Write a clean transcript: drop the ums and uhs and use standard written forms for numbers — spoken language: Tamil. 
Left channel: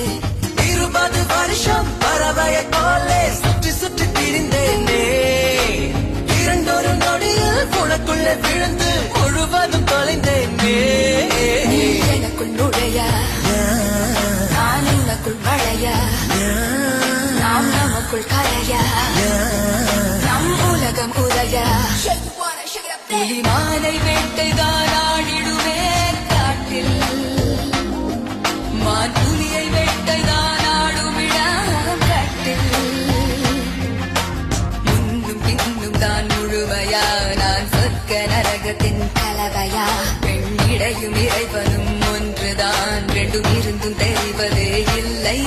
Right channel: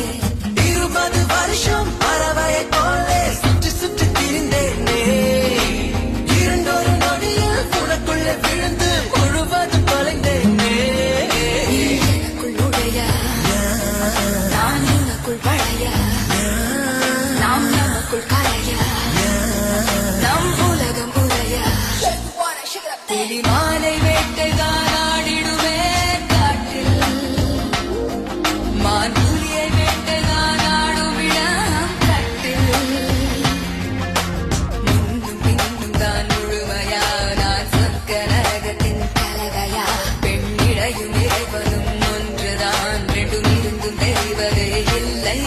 20 வருஷம் பறவையை போலே சுற்றி சுற்றி திரிந்தேனே இரண்டொரு நொடியில் உனக்குள்ள விழுந்து முழுவதும் தொலைந்தேனே எனக்குள் நுழைய நான் உனக்குள் பழைய நாம் நமக்குள் கரைய நம் உலகம் குறைய புலிமானை வேட்டைதான் ஆடிடுவேன் காட்டில் மான் புலியை வேட்டைதான் ஆடும் இடம் கட்டில் முன்னும் பின்னும் தான் முழுமையா நான் சொர்க்க நரகத்தின் கலவையா பெண்ணிடையும் இறைவனும் ஒன்றுதான் ரெண்டும் இருந்தும் தெரிவதே இல்லை